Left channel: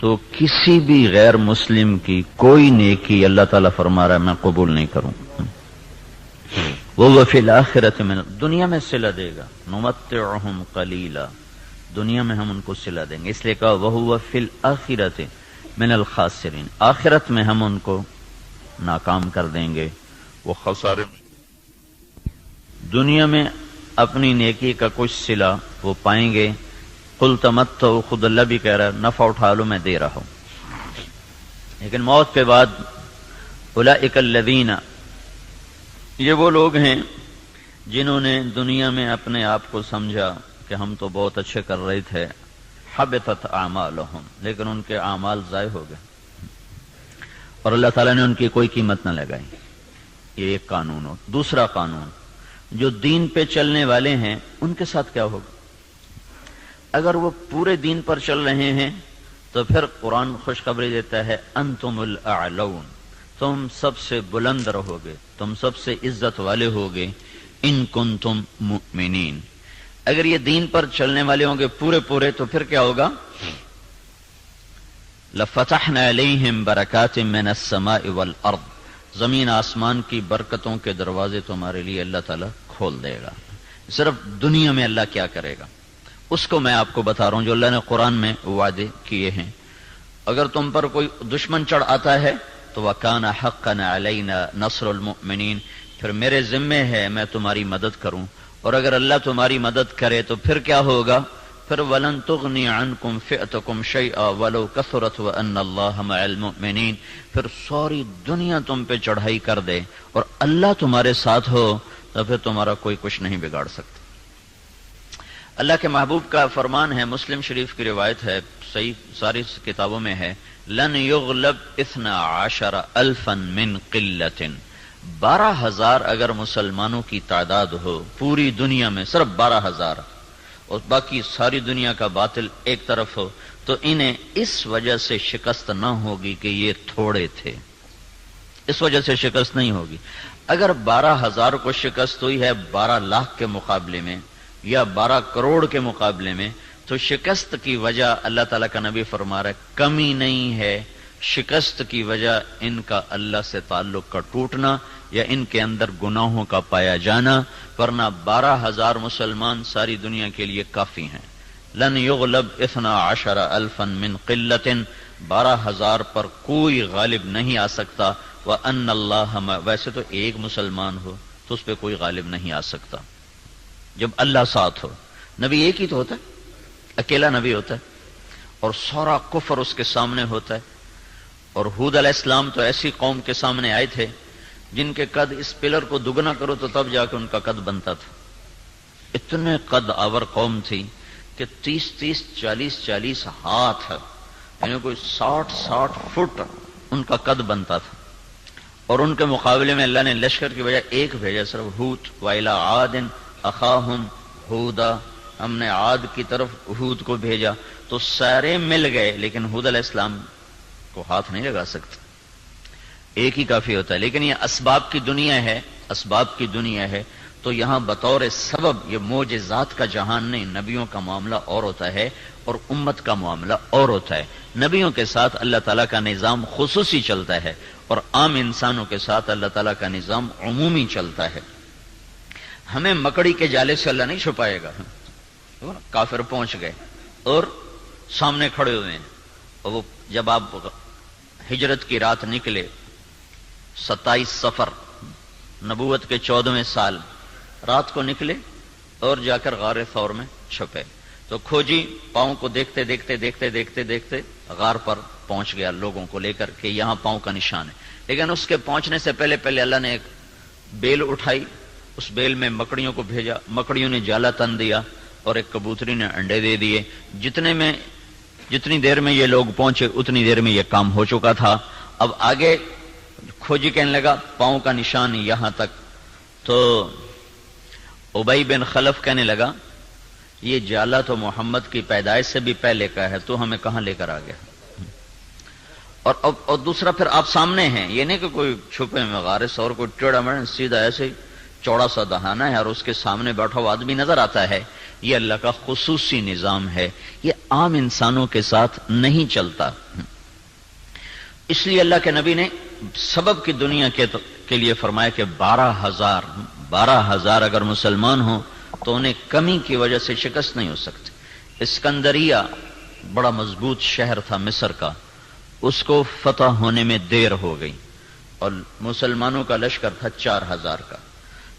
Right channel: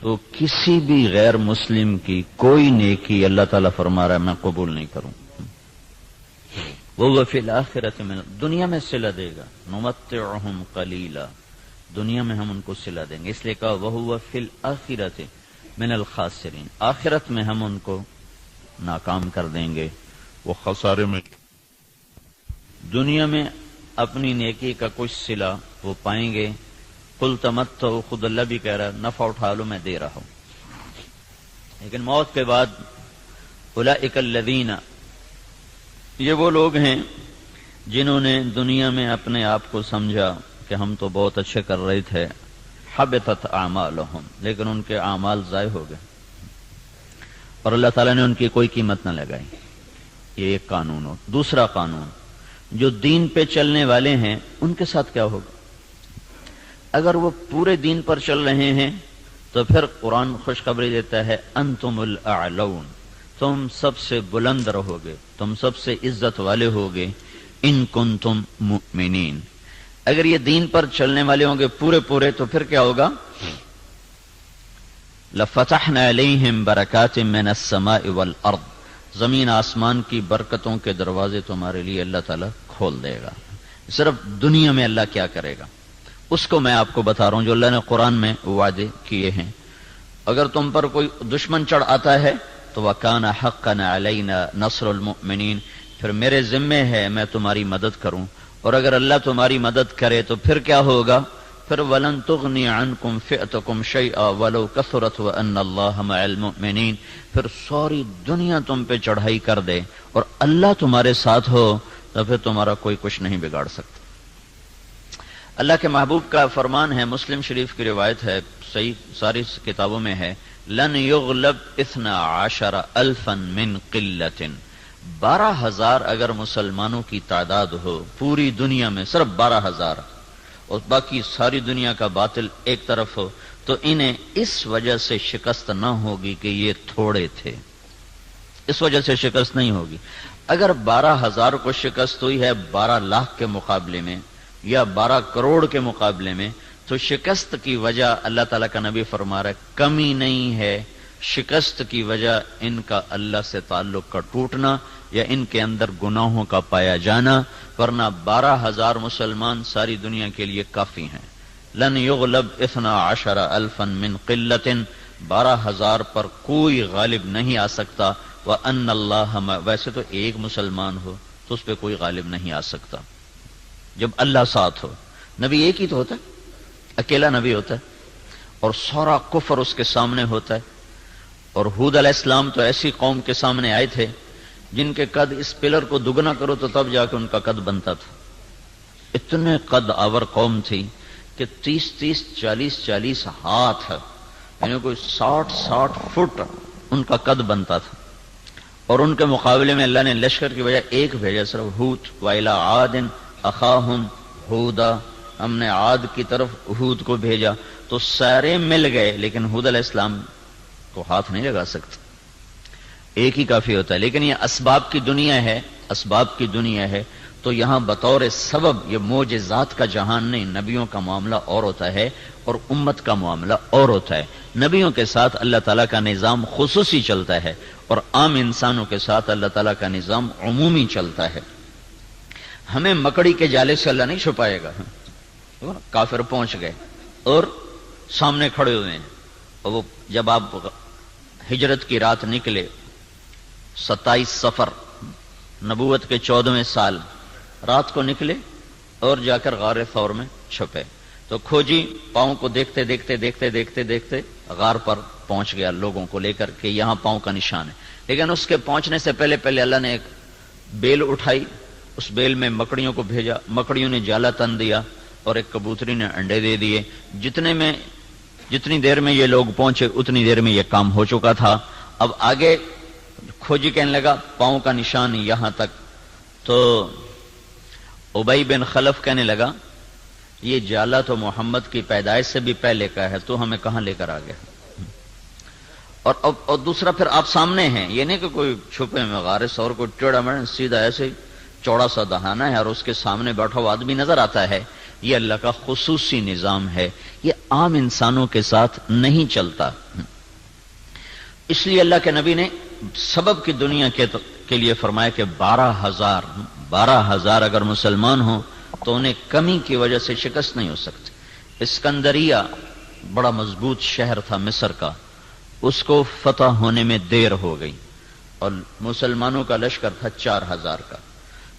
تو کسی بھی غیر مسلم کی کوئی نیکی اللہ تعالیٰ فرما رہا ہے میں قبول نہیں کروں. وہ فی الآخرۃ من، دنیا میں صلہ دے گا. نمتعہم قلیلا، دنیا میں ہم ان کو صلہ دیں گے. اس لیے کہا وہو فی الآخرۃ من الخاسرین، آخرت میں ہم ان کو ناکام کر دیں گے، وہ خسارے میں. دنیا میں اپنی نیکی کا کچھ صلہ وہ پائیں گے. قل تمتعوا، خود اللہ بھی کہہ رہا ہے نفع اٹھا لو میں دے رہا ہوں. لیکن موت کے بعد اولئک الذین، یہ وہ لوگ ہیں جنہوں نے دنیا میں اپنے آپ کو سمجھا کہ ہم تو بہت اچھے کر رہے تھے. حبطت اعمالہم، لیکن ان کے اعمال ضائع ہو گئے اور اللہ تعالیٰ نے ان کی کوئی قیمت نہ لگائی. یہ ایک قانون ہو. دوسرا قانون، جو دین پہ چلنے والے ہیں ان کے ساتھ کیا ہوگا؟ اگر وہ پورے دین پر چل رہے ہیں تو پھر قرآن خوشخبری دیتا ہے انتم الاعلون، تم سب سے بلند رہو گے، تم سب سے عزت والے ہوگے. ان کنتم مؤمنین، اگر یہ دین پر چلنے والے ہوں گے پورے تو پھر کیا ہوگا؟ لفتحنا علیہم برکات من السماء والارض، زمین آسمان کی برکتوں کے دروازے تمہارے لیے اللہ تعالیٰ کھول دے گا. صرف دنیا میں اللہ کیا کرے گا اس کو میں آپ کو بتا رہا ہوں جو اللہ نے قرآن میں وعدے کیے ہیں. اگر تم پر کوئی دشمن چڑھ آتا ہے تو وَكَانَ حَقًّا عَلَيْنَا نَصْرُ الْمُؤْمِنِينَ، پھر میرے ذمے ہے میں تمہاری مدد کروں. اور اگر اللہ تمہاری مدد کرے تو پھر کیا ہوگا؟ پھر وَلَن تُغْنِيَ عَنْكُمْ فِئْتُكُمْ شَيْئًا وَلَوْ كَثُرَتْ وَأَنَّ اللَّهَ مَعَ الْمُؤْمِنِينَ، پھر ساری دنیا تم پہ چڑھائی کر دے اور اللہ تمہارے ساتھ ہو تو پھر تمہارا کوئی کچھ نہیں بگاڑ سکتا. اللہ کے محبوب کا فرمان ہے، مسلم شریف کی روایت ہے، صحیح ساری کتابوں میں ہے، لن یغلب 12,000 من قلت، 12,000 اگر مسلمانوں کی تعداد ہو پوری دنیا میں، صرف 12,000 اور باقی ساری دنیا کا باطل ایک طرف ہو، تو انہیں اس وجہ سے شکست نہ ہوگی کہ یہ تھوڑے تھے، اس وجہ سے شکست نہیں ہوگی. اگر 12,000 کو شکست ہوئی ہے 12 لاکھ کے مقابلے میں یا 12 کروڑ کے مقابلے میں، تو شکست کی وجہ اللہ تعالیٰ کا نبی فرما رہا ہے کمی نہیں ہے، شکست کی وجہ ان کا اللہ سے تعلق کا ٹوٹنا یا ان کے اندر گناہوں کا پایا جانا، ورنہ 12,000 مسلمان ساری دنیا کے لیے کافی ہیں. لن یغلب 12,000 من قلت، 12,000 پر کوئی غالب نہیں آ سکتا. وَأَنَّ اللَّهَ، ویسے تو ایک مسلمان ہو تو اس پہ کوئی غالب نہیں آ سکتا جب اللہ ساتھ ہو. نبی ایک ہی تو ہوتا ہے، اکیلا نبی ہوتا ہے اور سارا کفر اس کے سامنے ہوتا ہے. اور ہود علیہ السلام تو ایسی قوم کے سامنے آئے تھے جن کے قد اس پلر کو دگنا کرو تو تب جا کے ان کا قد بنتا تھا. اتنے قد آور قوم تھی کہ 30 40 ہاتھ، یعنی کوئی 60 فٹ ان کا قد بنتا تھا. اور ان کے مقابلے میں اللہ نے لشکر کی وجہ ایک بھیجا، صرف ہود. وَإِلَىٰ عَادٍ أَخَاهُمْ هُودًا، ہم نے عاد کی طرف ہود کو بھیجا. تو سارے مل گئے لیکن ہود علیہ السلام کو ہاتھ نہیں لگا سکتے، ایک ہی کافی ہوتا ہے. لیکن یہ اسباب کی دنیا ہے، اسباب کی دنیا ہے، تو یہاں بطور سبب یہ معجزات کا جہان نہیں، نبیوں کا معاملہ اور ہوتا ہے اور امت کا معاملہ اور ہوتا ہے. نبیوں کے ساتھ اللہ تعالیٰ کا نظام خصوصی چلتا ہے اور عام انسانوں کے ساتھ اللہ تعالیٰ کا نظام عمومی چلتا ہے. ہمیں مکڑی کے جالے سے اللہ نہیں چھپائے گا. کافر پہنچ گئے اور سامنے کھڑے ہوئے ہیں، اور وہ جب آپ ہجرت کی رات نکلے 27 صفر نبوت کے 14ویں سال رات کو نکلے اور جا کر غار ثور میں چھپے، تو کھوجی پاؤں کو دیکھتے دیکھتے غار پر پہنچ گیا لوگوں کو لے کر کے یہاں پاؤں کا نشان ہے. لیکن اس کے پہنچنے سے پہلے اللہ نے ایک بیل اٹھائی، اس بیل میں مکڑیوں کو بھیجا، مکڑیوں نے جالا تن دیا اور ایک کبوتری نے انڈے دے دیے. جتنی دیر میں یہ لوگ پہنچے اتنی دیر میں یہ کام ہو چکا تھا. اب آگے کھوجی کہنے لگا پاؤں کا نشان یہاں تک، تو ابی بن خلف کہنے لگا یہ جالا تو محمد کی پیدائش سے بھی پہلے کا ہے، تو ہمیں کہاں لے کر آ گیا. اور دوسرا پھر آپ سامنے ہیں، یہ نہیں کہ کوئی چھپے میں غار ثور کو ٹیڑھا مڑا، سیدھا ایسے چوڑا سا دہانہ ہے اور اس کے سامنے بیٹھا ہوا آدمی نظر آتا ہے. یہ اللہ کا خصوصی نظام ہے، یہ عام انسانوں کے ساتھ نہیں چلتا. اس لیے اللہ کے نبی نے سبب کی دنیا کے لیے فرمایا کہ 12,000 اگر مسلمان ہوں تو انہیں کمی کی وجہ سے شکست نہیں ہو سکتی. اسکندریہ بڑا مضبوط شہر تھا مصر کا، اس کو فتح ہونے میں دیر ہو گئی اور مسلمانوں کا لشکر تھا 4,000 کا.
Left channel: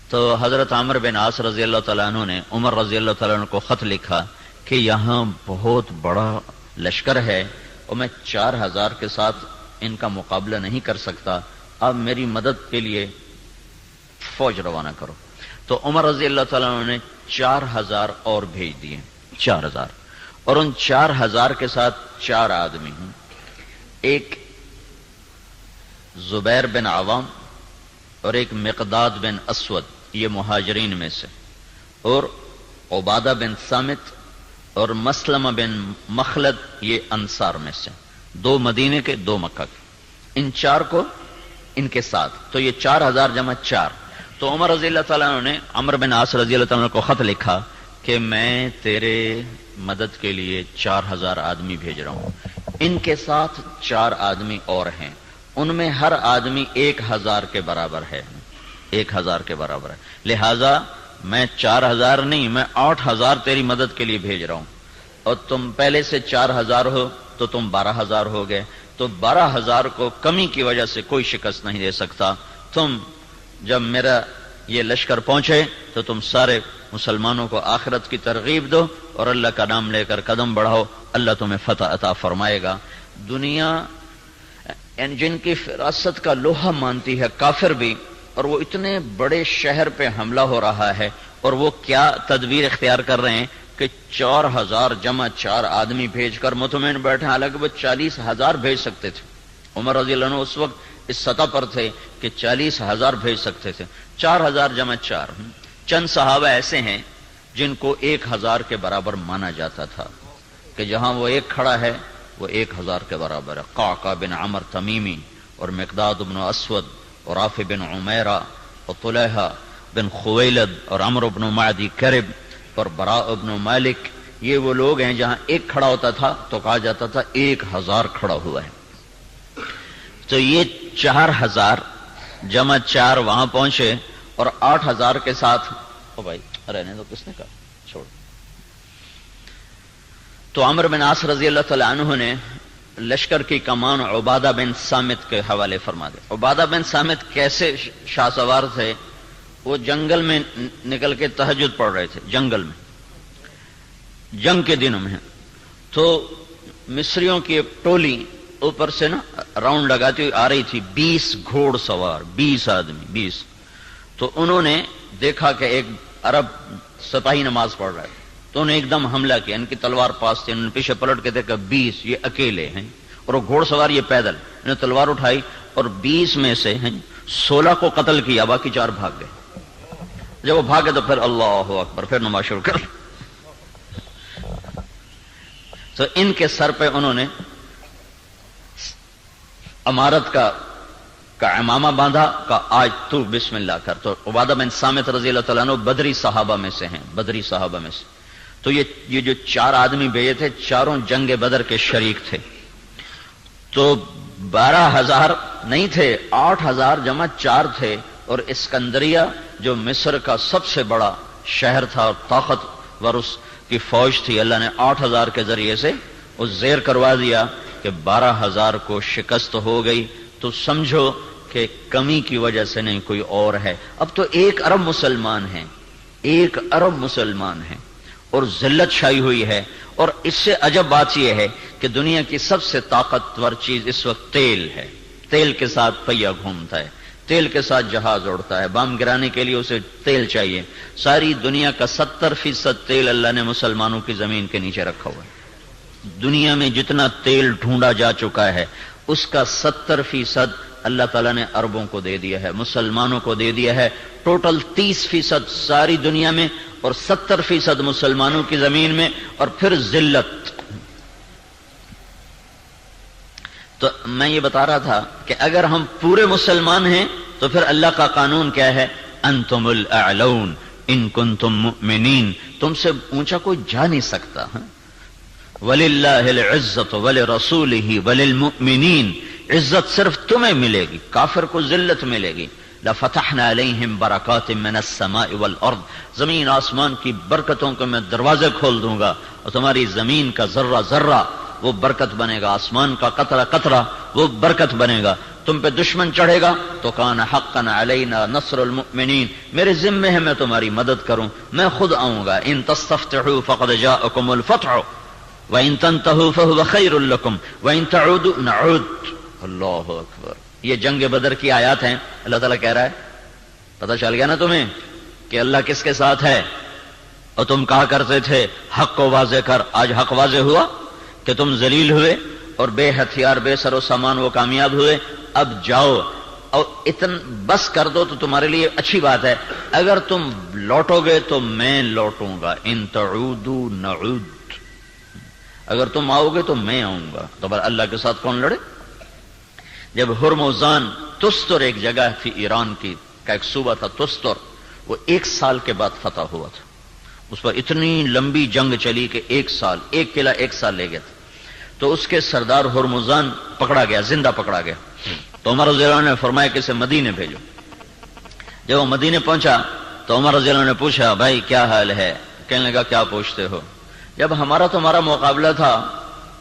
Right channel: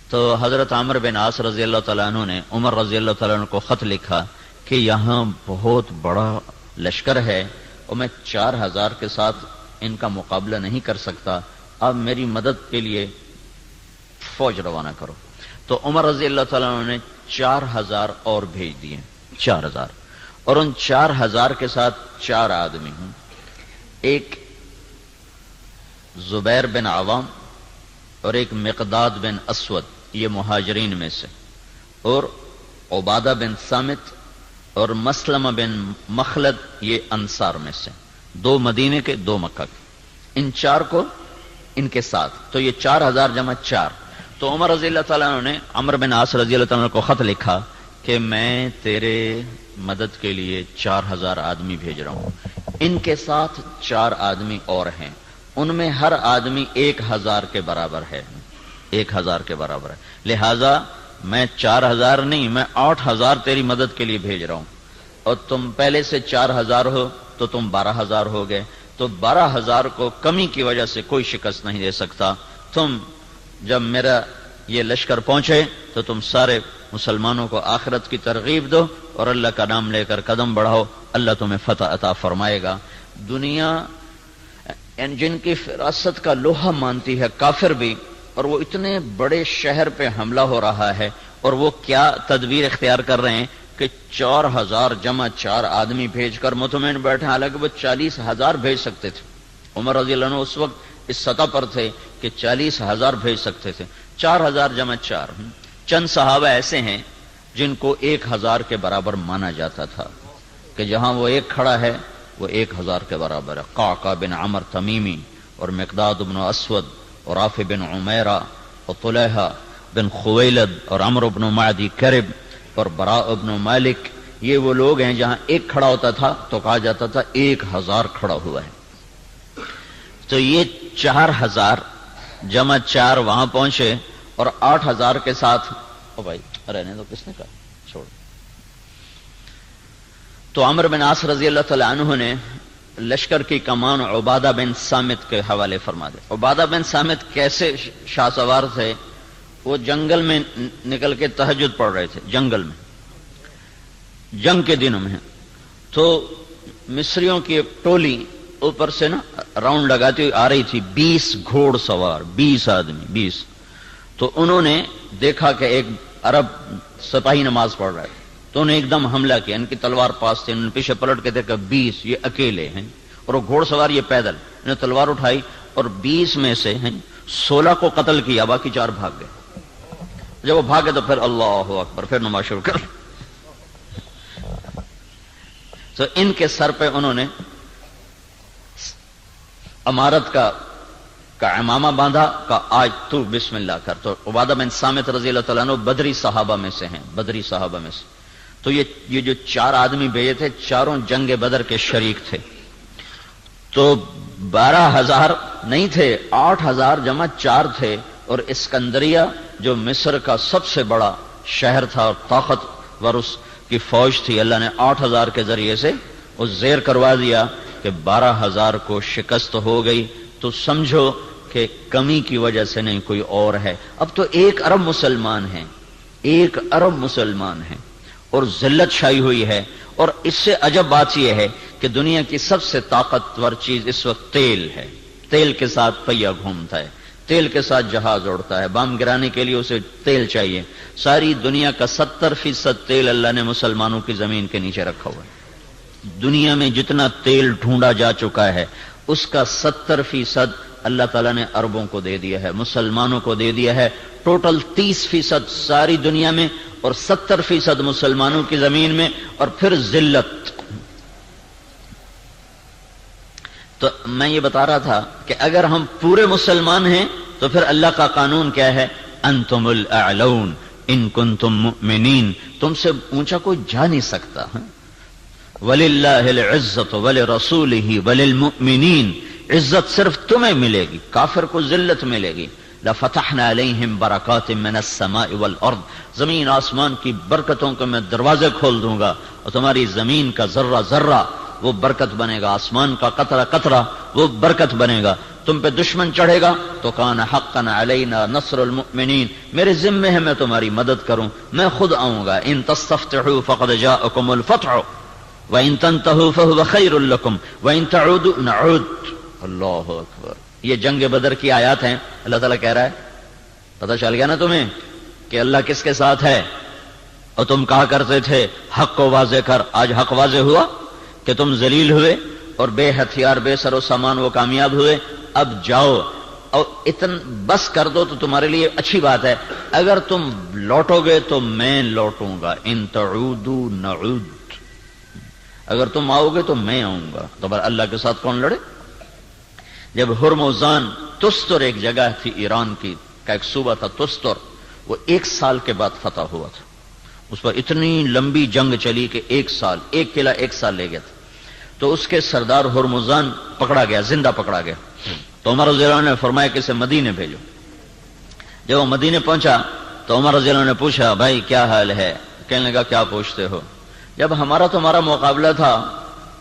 تو حضرت عمرو بن عاص رضی اللہ تعالیٰ عنہ نے عمر رضی اللہ تعالیٰ عنہ کو خط لکھا کہ یہاں بہت بڑا لشکر ہے اور میں 4,000 کے ساتھ ان کا مقابلہ نہیں کر سکتا، اب میری مدد کے لیے فوج روانہ کرو. تو عمر رضی اللہ تعالیٰ عنہ نے 4,000 اور بھیج دیے، 4,000، اور ان 4,000 کے ساتھ 4 آدمی ہیں، ایک زبیر بن عوام اور ایک مقداد بن اسود، یہ مہاجرین میں سے، اور عبادہ بن صامت اور مسلمہ بن مخلد، یہ انصار میں سے، 2 مدینے کے 2 مکہ کے. ان 4 کو ان کے ساتھ، تو یہ 4,000 جمع 4. تو عمر رضی اللہ تعالیٰ عنہ نے عمرو بن عاص رضی اللہ تعالیٰ عنہ کو خط لکھا کہ میں تیرے مدد کے لیے 4,000 آدمی بھیج رہا ہوں، ان کے ساتھ 4 آدمی اور ہیں، ان میں ہر آدمی 1,000 کے برابر ہے، 1,000 کے برابر ہے، لہذا میں 4,000 نہیں، میں 8,000 تیری مدد کے لیے بھیج رہا ہوں، اور تم پہلے سے 4,000 ہو تو تم 12,000 ہو گئے. تو 12,000 کو کمی کی وجہ سے کوئی شکست نہیں دے سکتا. تم جب میرا یہ لشکر پہنچے تو تم سارے مسلمانوں کو آخرت کی ترغیب دو اور اللہ کا نام لے کر قدم بڑھاؤ، اللہ تمہیں فتح عطا فرمائے گا. دنیا جن کی فراست کا لوہا مانتی ہے کافر بھی، اور وہ اتنے بڑے شہر پہ حملہ ہو رہا ہے، اور وہ کیا تدبیر اختیار کر رہے ہیں کہ 4,000 جمع 4 آدمی بھیج کر مطمئن بیٹھے، حالانکہ وہ 40,000 بھیج سکتے تھے. عمر رضی اللہ عنہ اس وقت اس سطح پر تھے کہ 40,000 بھیج سکتے تھے. 4,000 جمع 4. چند صحابہ ایسے ہیں جن کو 1,000 کے برابر مانا جاتا تھا کہ جہاں وہ ایک کھڑا ہے وہ 1,000 کے برابر ہے. قعقاع بن عمر تمیمی اور مقداد بن اسود اور رافع بن عمیرہ اور طلحہ بن خویلد اور عمرو بن معدی کرب اور براء بن مالک، یہ وہ لوگ ہیں جہاں ایک کھڑا ہوتا تھا تو کہا جاتا تھا 1,000 کھڑا ہوا ہے. تو یہ 4,000 جمع 4 وہاں پہنچے اور 8,000 کے ساتھ، او بھائی رہنے دو، کس نے کہا چھوڑ. تو عمرو بن عاص رضی اللہ تعالی عنہ نے لشکر کی کمان عبادہ بن صامت کے حوالے فرما دے. عبادہ بن صامت کیسے شاہ سوار تھے؟ وہ جنگل میں نکل کے تہجد پڑھ رہے تھے، جنگل میں، جنگ کے دنوں میں. تو مصریوں کی ایک ٹولی اوپر سے نا راؤنڈ لگاتی ہوئی آ رہی تھی، 20 گھوڑ سوار، 20 آدمی، 20. تو انہوں نے دیکھا کہ ایک عرب سپاہی نماز پڑھ رہا ہے، تو انہیں ایک دم حملہ کیا. ان کی تلوار پاس تھی، انہوں نے پیچھے پلٹ کے دیکھا 20 یہ اکیلے ہیں، اور وہ گھوڑ سوار یہ پیدل. انہوں نے تلوار اٹھائی اور 20 میں سے 16 کو قتل کیا، باقی 4 بھاگ گئے. جب وہ بھاگے تو پھر اللہ اکبر، پھر نماز شروع کر. تو ان کے سر پہ انہوں نے امارت کا امامہ باندھا، کا آج تو بسم اللہ کر. تو عبادہ بن صامت رضی اللہ تعالیٰ عنہ بدری صحابہ میں سے ہیں، بدری صحابہ میں سے. تو یہ جو 4 آدمی بھیجے تھے، چاروں جنگ بدر کے شریک تھے. تو 12,000 نہیں تھے، 8,000 جمع 4 تھے. اور اسکندریہ جو مصر کا سب سے بڑا شہر تھا اور طاقتور اس کی فوج تھی، اللہ نے 8,000 کے ذریعے سے وہ زیر کروا دیا کہ 12,000 کو شکست ہو گئی. تو سمجھو کہ کمی کی وجہ سے نہیں، کوئی اور ہے. اب تو 1 ارب مسلمان ہیں، 1 ارب مسلمان ہیں، اور ذلت چھائی ہوئی ہے. اور اس سے عجب بات یہ ہے کہ دنیا کی سب سے طاقتور چیز اس وقت تیل ہے. تیل کے ساتھ پہیا گھومتا ہے، تیل کے ساتھ جہاز اڑتا ہے، بم گرانے کے لیے اسے تیل چاہیے. ساری دنیا کا 70% تیل اللہ نے مسلمانوں کی زمین کے نیچے رکھا ہوا ہے. دنیا میں جتنا تیل ڈھونڈا جا چکا ہے اس کا 70% اللہ تعالیٰ نے عربوں کو دے دیا ہے، مسلمانوں کو دے دیا ہے. ٹوٹل 30% ساری دنیا میں اور 70% مسلمانوں کی زمین میں، اور پھر ذلت. تو میں یہ بتا رہا تھا کہ اگر ہم پورے مسلمان ہیں تو پھر اللہ کا قانون کیا ہے؟ انتم الاعلون، ان کنتم مؤمنین، تم سے اونچا کوئی جا نہیں سکتا. وَلِلَّهِ الْعِزَّةُ وَلِرَسُولِهِ وَلِلْمُؤْمِنِينَ، عزت صرف تمہیں ملے گی، کافر کو ذلت ملے گی. لَفَتَحْنَا عَلَيْهِمْ بَرَكَاتٍ مِّنَ السَّمَاءِ وَالْأَرْضِ، زمین آسمان کی برکتوں کے میں دروازے کھول دوں گا، اور تمہاری زمین کا ذرہ ذرہ وہ برکت بنے گا، آسمان کا قطرہ قطرہ وہ برکت بنے گا. تم پہ دشمن چڑھے گا تو کان حقا علینا نصر المؤمنین، میرے ذمے ہے میں تمہاری مدد کروں، میں خود آؤں گا. ان تستفتحوا فقد جاءکم الفتح وان تنتهوا فهو خیر لکم وان تعودوا نعود. اللہ اکبر. یہ جنگ بدر کی آیات ہیں. اللہ تعالیٰ کہہ رہا ہے پتہ چل گیا نا تمہیں کہ اللہ کس کے ساتھ ہے، اور تم کہا کرتے تھے حق کو واضح کر. آج حق واضح ہوا کہ تم ذلیل ہوئے اور بے ہتھیار بے سر و سامان وہ کامیاب ہوئے. اب جاؤ اور بس کر دو تو تمہارے لیے اچھی بات ہے. اگر تم لوٹو گے تو میں لوٹوں گا. ان تعودوا نعود، اگر تم آؤ گے تو میں آؤں گا. تو بھلا اللہ کے ساتھ کون لڑے؟ جب ہرمزان، تستر ایک جگہ تھی ایران کی کا ایک صوبہ تھا تستر، وہ 1 سال کے بعد فتح ہوا تھا. اس پر اتنی لمبی جنگ چلی کہ 1 سال، ایک قلعہ 1 سال لے گیا تھا. تو اس کے سردار ہرمزان پکڑا گیا، زندہ پکڑا گیا. تو عمر رضی اللہ عنہ نے فرمایا کہ اسے مدینے بھیجو. جب وہ مدینے پہنچا تو عمر رضی اللہ عنہ نے پوچھا بھائی کیا حال ہے؟ کہنے لگا کیا پوچھتے ہو، جب ہمارا تمہارا مقابلہ تھا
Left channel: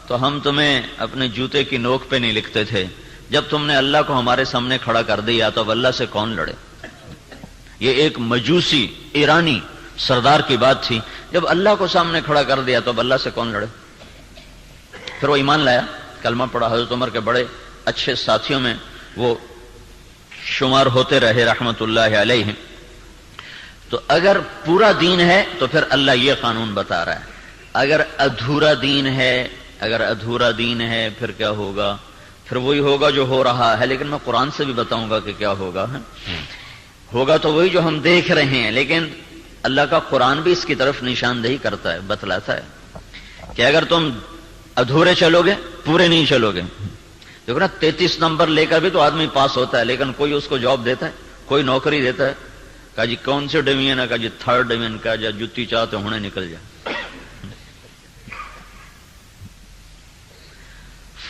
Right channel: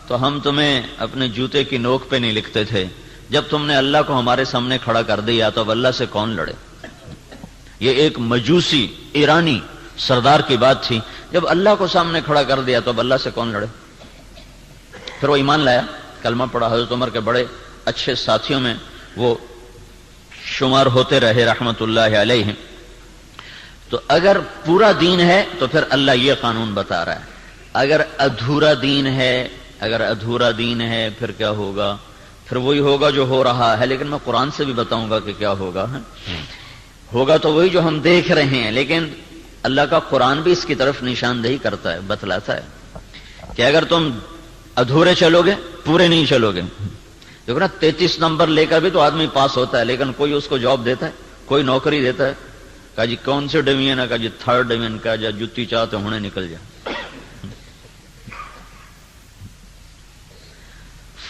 تو ہم تمہیں اپنے جوتے کی نوک پہ نہیں لکھتے تھے، جب تم نے اللہ کو ہمارے سامنے کھڑا کر دیا تو اب اللہ سے کون لڑے؟ یہ ایک مجوسی ایرانی سردار کی بات تھی. جب اللہ کو سامنے کھڑا کر دیا تو اب اللہ سے کون لڑے؟ پھر وہ ایمان لایا، کلمہ پڑھا. حضرت عمر کے بڑے اچھے ساتھیوں میں وہ شمار ہوتے رہے رحمت اللہ علیہ. تو اگر پورا دین ہے تو پھر اللہ یہ قانون بتا رہا ہے. اگر ادھورا دین ہے پھر کیا ہوگا؟ پھر وہی ہوگا جو ہو رہا ہے. لیکن میں قرآن سے بھی بتاؤں گا کہ کیا ہوگا. ہوگا تو وہی جو ہم دیکھ رہے ہیں، لیکن اللہ کا قرآن بھی اس کی طرف نشاندہی کرتا ہے، بتلاتا ہے کہ اگر تم ادھورے چلو گے، پورے نہیں چلو گے. دیکھو نا 33 نمبر لے کر بھی تو آدمی پاس ہوتا ہے، لیکن کوئی اس کو جاب دیتا ہے، کوئی نوکری دیتا ہے. کہا جی کون سے ڈویژن ہے؟ کہا جی 3rd ڈویژن کا. جا جتی چاہتے ہونے نکل جا.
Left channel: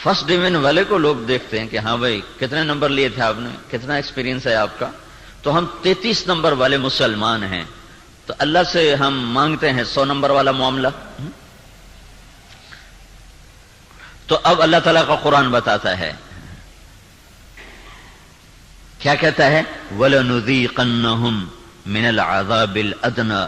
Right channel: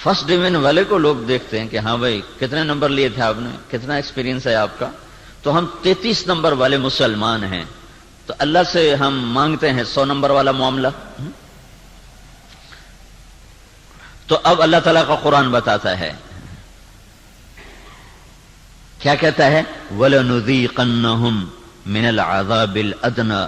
1st ڈویژن والے کو لوگ دیکھتے ہیں کہ ہاں بھائی کتنے نمبر لیے تھے آپ نے، کتنا ایکسپیرینس ہے آپ کا. تو ہم 33 نمبر والے مسلمان ہیں، تو اللہ سے ہم مانگتے ہیں 100 نمبر والا معاملہ. تو اب اللہ تعالیٰ کا قرآن بتاتا ہے، کیا کہتا ہے؟ وَلَنُذِيقَنَّهُمْ مِنَ الْعَذَابِ الْأَدْنَى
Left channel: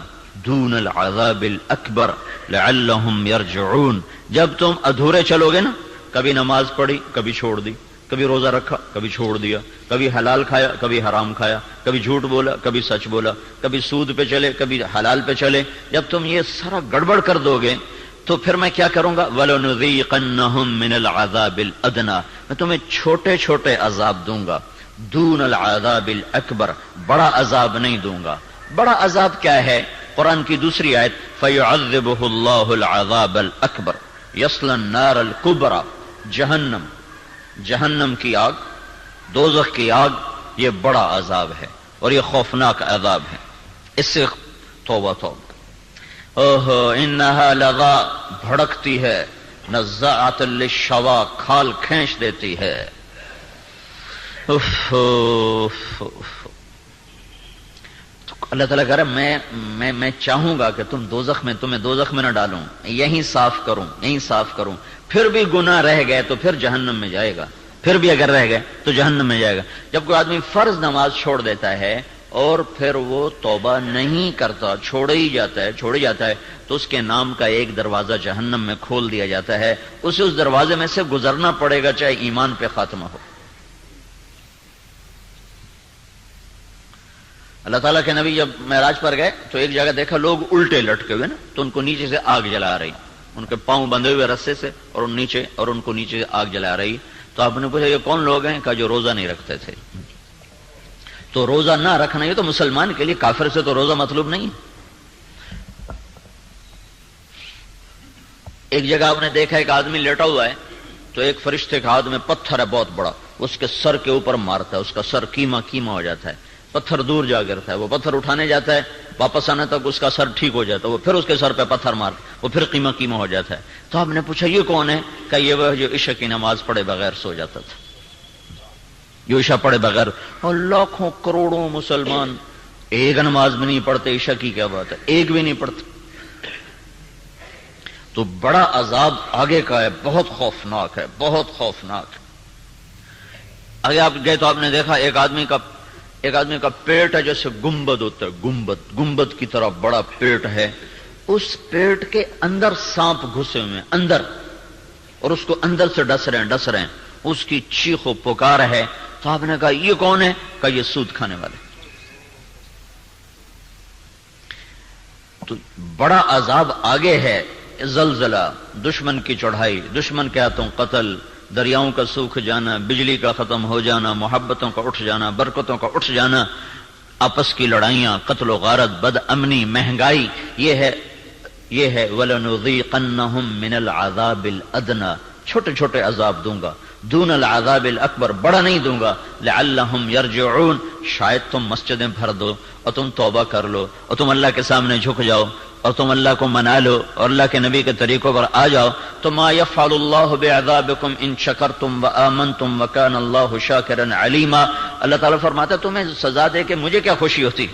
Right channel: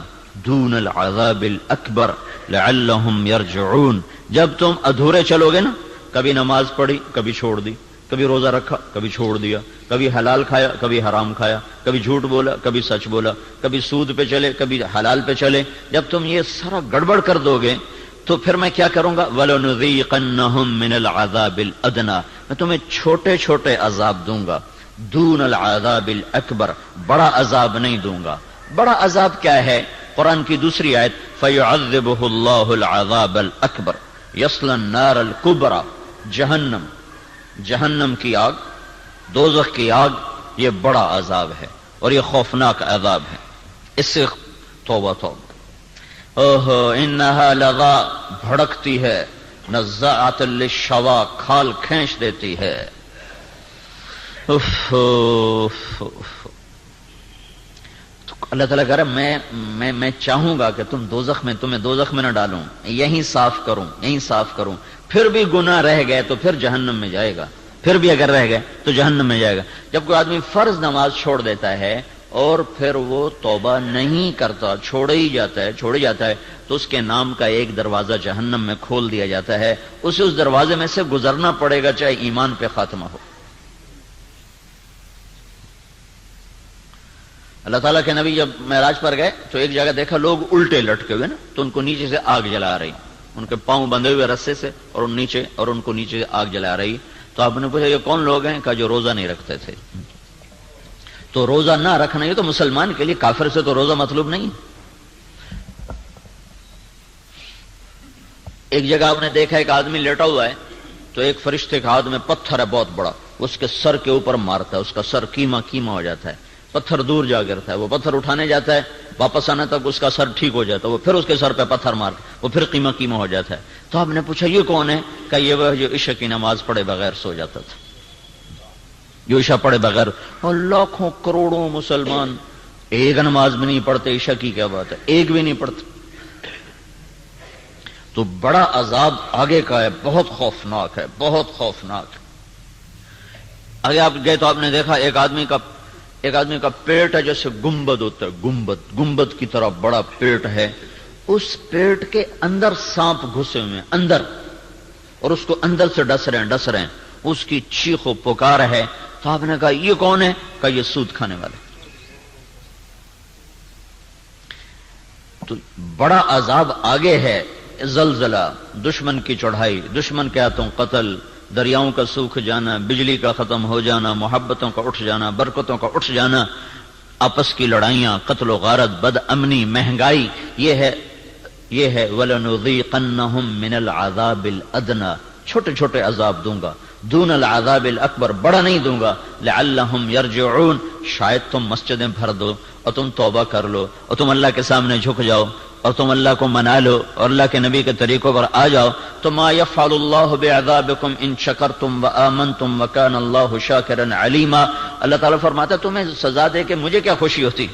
دُونَ الْعَذَابِ الْأَكْبَرِ لَعَلَّهُمْ يَرْجِعُونَ. جب تم ادھورے چلو گے نا، کبھی نماز پڑھی کبھی چھوڑ دی، کبھی روزہ رکھا کبھی چھوڑ دیا، کبھی حلال کھایا کبھی حرام کھایا، کبھی جھوٹ بولا کبھی سچ بولا، کبھی سود پہ چلے کبھی حلال پہ چلے. جب تم یہ سارا گڑبڑ کر دو گے تو پھر میں کیا کروں گا؟ وَلَنُذِيقَنَّهُمْ مِنَ الْعَذَابِ الْأَدْنَى، میں تمہیں چھوٹے چھوٹے عذاب دوں گا. دون العذاب الاکبر، بڑا عذاب نہیں دوں گا. بڑا عذاب کیا ہے؟ قرآن کی دوسری آیت فَيُعَذِّبُهُ اللَّهُ الْعَذَابَ الْأَكْبَرَ يَصْلَى النَّارَ الْكُبْرَى. جہنم کی آگ، دوزخ کی آگ، یہ بڑا عذاب ہے اور یہ خوفناک عذاب ہے. اس سے توبہ توبہ. اوہو انہا لغا، بھڑکتی ہے. نزاعۃ للشوا، کھال کھینچ دیتی ہے. اللہ تعالیٰ کہہ رہا ہے میں چاہوں گا کہ تمہیں دوزخ میں نہ ڈالوں، یہیں صاف کروں. پھر بھی گناہ رہ گئے تو پھر جہنم میں جائے گا. پھر بھی اگر رہ گئے تو جہنم میں جائے گا. جب کوئی آدمی فرض نماز چھوڑ دیتا ہے اور پھر وہ توبہ نہیں کرتا، چھوڑے ہی جاتا ہے تو اس کے نام کا ایک دروازہ جہنم میں کھول دیا جاتا ہے. اسے اس دروازے میں سے گزرنا پڑے گا چاہے ایمان پہ خاتمہ ہو. اللہ تعالیٰ کے نبی جب معراج پر گئے تو ایک جگہ دیکھا لوگ الٹے لٹکے ہوئے نا، تو ان کو نیچے سے آگ جلا رہی، ان کے پاؤں بندھے ہوئے رسے سے اور ان کو نیچے سے آگ جلا رہی. تو آپ نے پوچھا یہ کون لوگ ہیں؟ کہا جو روزہ نہیں رکھتے تھے. تو روزہ نہ رکھنا یہ تو مسلمان کے لیے، کافر سے تو روزہ مطلوب نہیں. ایک جگہ آپ نے دیکھا ایک آدمی لیٹا ہوا ہے تو ایک فرشتے کا ہاتھ میں پتھر ہے بہت بڑا، اس کے سر کے اوپر مارتا ہے، اس کا سر کیما ہو جاتا ہے، پتھر دور جا گرتا ہے. وہ پتھر اٹھانے جاتا ہے، واپس آنے تک اس کا سر ٹھیک ہو جاتا ہے، وہ پھر اس کے سر پہ پتھر مار، وہ پھر قیمہ قیمہ ہو جاتا ہے۔ تو آپ نے پوچھا یہ کون ہے؟ کہ یہ وہ جو عشاء کی نماز پڑھے بغیر سو جاتا تھا، جو عشاء پڑھے بغیر۔ اور لاکھوں کروڑوں مسلمان ایک نماز بھی نہیں پڑھتے، عشاء کی کیا بات ہے، ایک بھی نہیں پڑھتے۔ تو بڑا عذاب آگے کا ہے، بہت خوفناک ہے، بہت خوفناک ہے۔ آگے آپ گئے تو آپ نے دیکھا ایک آدمی کا پیٹ ہے جیسے گنبد ہوتا ہے، گنبد کی طرح بڑا پیٹ ہے، اس پیٹ کے اندر سانپ گھسے ہوئے ہیں اندر، اور اس کو اندر سے ڈس رہے ہیں، اس کی چیخ و پکار ہے۔ تو آپ نے کہا یہ کون ہے؟ کہ یہ سود کھانے والے۔ تو بڑا عذاب آگے ہے، زلزلہ، دشمن کی چڑھائی، دشمن کے ہاتھوں قتل، دریاؤں کا سوکھ جانا، بجلی کا ختم ہو جانا، محبتوں کا اٹھ جانا، برکتوں کا اٹھ جانا، آپس کی لڑائیاں، قتل و غارت، بد امنی، مہنگائی، یہ ہے وَلَنُذِيقَنَّهُم مِّنَ الْعَذَابِ الْأَدْنَىٰ، چھوٹے چھوٹے عذاب دوں گا، دون العذاب الاکبر، بڑا نہیں دوں گا، لعلہم یرجعون، شاید تم مسجدیں بھر دو اور تم توبہ کر لو اور تم اللہ کے سامنے جھک جاؤ اور تم اللہ کو منا لو اور اللہ کے نبی کے طریقوں پر آ جاؤ تو ما یفعل اللہ بعذابکم ان شکرتم وآمنتم وکان اللہ شاکرا علیما۔ اللہ تعالیٰ فرماتا ہے تمہیں سزا دے کے مجھے کیا خوشی ہوتی،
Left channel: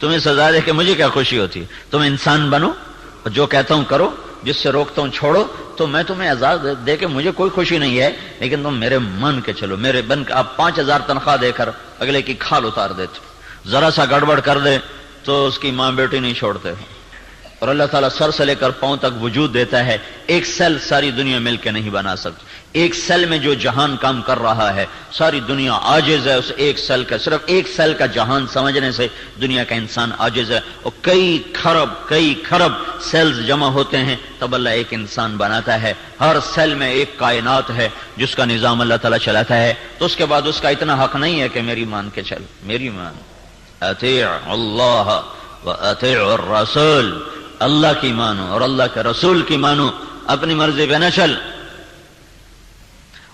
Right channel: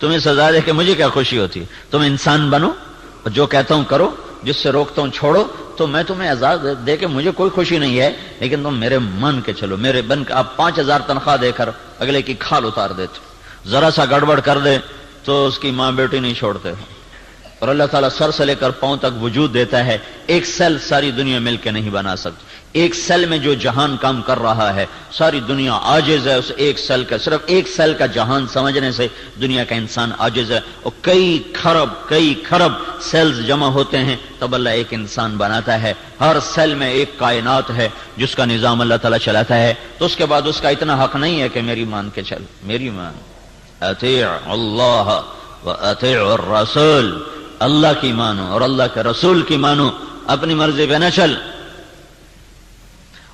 تمہیں سزا دے کے مجھے کیا خوشی ہوتی، تم انسان بنو اور جو کہتا ہوں کرو، جس سے روکتا ہوں چھوڑو، تو میں تمہیں عذاب دے کے مجھے کوئی خوشی نہیں ہے، لیکن تم میرے مان کے چلو، میرے بن کے۔ آپ 5000 تنخواہ دے کر اگلے کی کھال اتار دیتے، ذرا سا گڑبڑ کر دے تو اس کی ماں بیٹی نہیں چھوڑتے، اور اللہ تعالیٰ سر سے لے کر پاؤں تک وجود دیتا ہے، ایک سیل ساری دنیا مل کے نہیں بنا سکتی، ایک سیل میں جو جہان کام کر رہا ہے ساری دنیا عاجز ہے اس ایک سیل کا، صرف ایک سیل کا جہان سمجھنے سے دنیا کا انسان عاجز ہے، اور کئی کھرب سیلز جمع ہوتے ہیں تب اللہ ایک انسان بناتا ہے، ہر سیل میں ایک کائنات ہے جس کا نظام اللہ تعالیٰ چلاتا ہے، تو اس کے بعد اس کا اتنا حق نہیں ہے کہ میری مان کے چل، میری مان، اطیع اللہ و اطیع الرسول، اللہ کی مانو اور اللہ کے رسول کی مانو، اپنی مرضی پہ نہ چل۔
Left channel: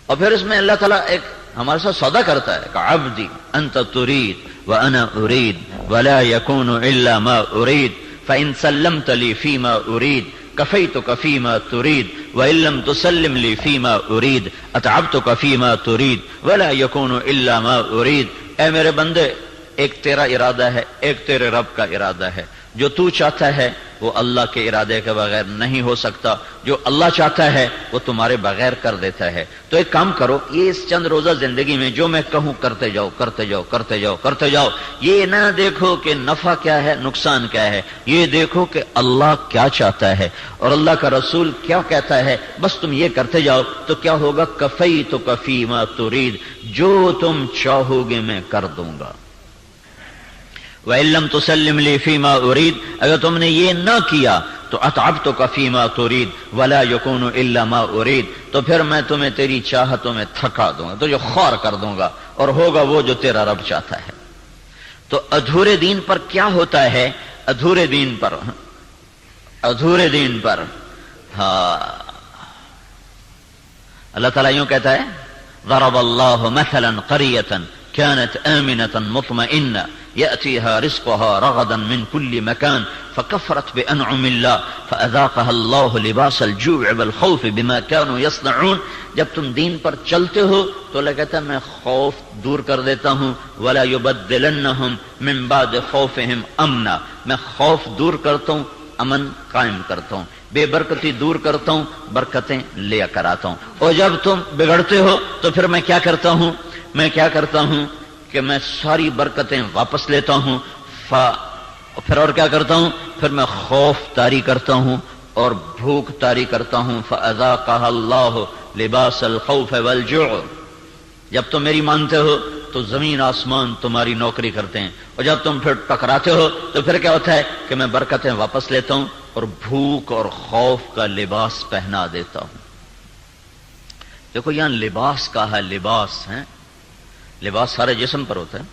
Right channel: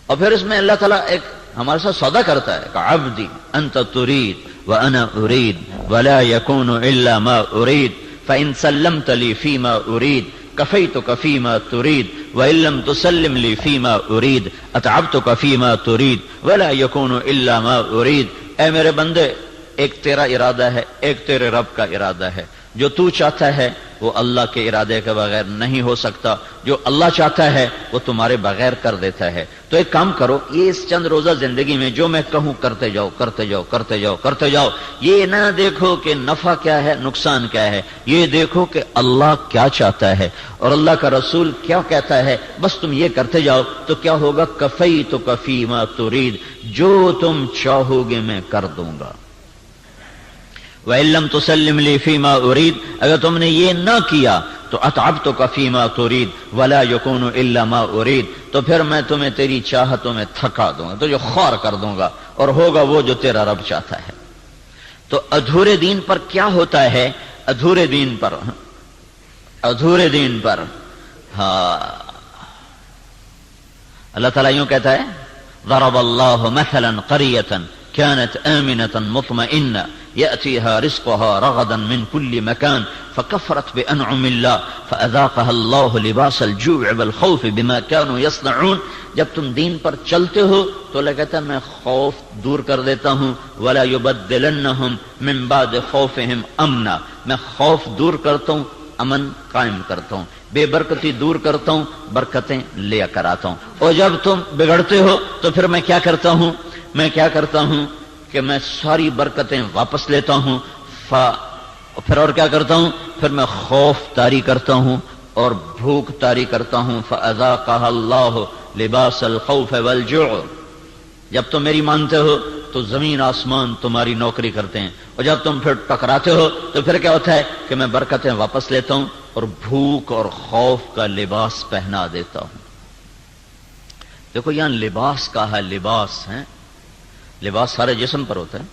اور پھر اس میں اللہ تعالیٰ ایک ہمارے ساتھ سودا کرتا ہے کہ عبدی انت ترید وانا ارید ولا يكون الا ما ارید فان سلمت لي فيما ارید كفيتك فيما تريد وان لم تسلم لي فيما ارید اتعبتك فيما تريد ولا يكون الا ما ارید۔ اے میرے بندے، ایک تیرا ارادہ ہے، ایک تیرے رب کا ارادہ ہے، جو تو چاہتا ہے وہ اللہ کے ارادے کے بغیر نہیں ہو سکتا، جو اللہ چاہتا ہے وہ تمہارے بغیر کر دیتا ہے۔ تو ایک کام کرو، یہ اس چند روزہ زندگی میں جو میں کہوں کرتے جاؤ کرتے جاؤ کرتے جاؤ کرتے جاؤ، یہ نہ دیکھو کہ نفع کیا ہے نقصان کیا ہے، یہ دیکھو کہ اللہ کیا چاہتا ہے اور اللہ کا رسول کیا کہتا ہے، بس تم یہ کرتے جاؤ تو کیا ہوگا، کفیتک فیما ترید، جو تم چاہو گے میں کر دوں گا۔ وَإِن لَّمْ تُسَلِّمْ لِي فِيمَا أُرِيدُ، اگر تم نے یہ نہ کیا تو أَتْعَبْتُكَ فِيمَا تُرِيدُ وَلَا يَكُونُ إِلَّا مَا أُرِيدُ، تو پھر میں تمہیں تیری چاہتوں میں تھکا دوں گا، تو جو خوار کر دوں گا اور ہوگا وہ جو تیرا رب چاہتا ہے۔ تو ادھورے دین پر کیا ہوتا ہے، ادھورے دین پر ہاں اللہ تعالیٰ یوں کہتا ہے ضرب اللہ مثلا قریة كانت آمنة مطمئنة يأتيها رزقها رغدا من كل مكان فكفرت بأنعم الله فأذاقها الله لباس الجوع والخوف بما كانوا يصنعون۔ جب تم دین پر چلتے ہو تو اللہ کہتا ہے میں خوف دور کر دیتا ہوں، ولا يبدلنهم من بعد خوفهم امنا، میں خوف دور کرتا ہوں، امن قائم کرتا ہوں، بے برکتی دور کرتا ہوں، برکتیں لے کر آتا ہوں۔ اور جب تم بگڑتے ہو تو پھر میں کیا کرتا ہوں کہ میں ساری برکتیں واپس لیتا ہوں، پھر اور کیا کرتا ہوں، پھر میں خوف طاری کرتا ہوں اور بھوک طاری کرتا ہوں۔ فَأَذَاقَهَا اللَّهُ لِبَاسَ الْخَوْفِ وَالْجُوعِ، جب تم میری مانتے ہو تو زمین آسمان تمہاری نوکری کرتے ہیں، اور جب تم پھر ٹکراتے ہو تو پھر کیا ہوتا ہے کہ میں برکتیں واپس لیتا ہوں اور بھوک اور خوف کا لباس پہنا دیتا ہوں۔ دیکھو یہاں لباس کا ہے، لباس ہے، لباس سارے جسم پر ہوتا ہے،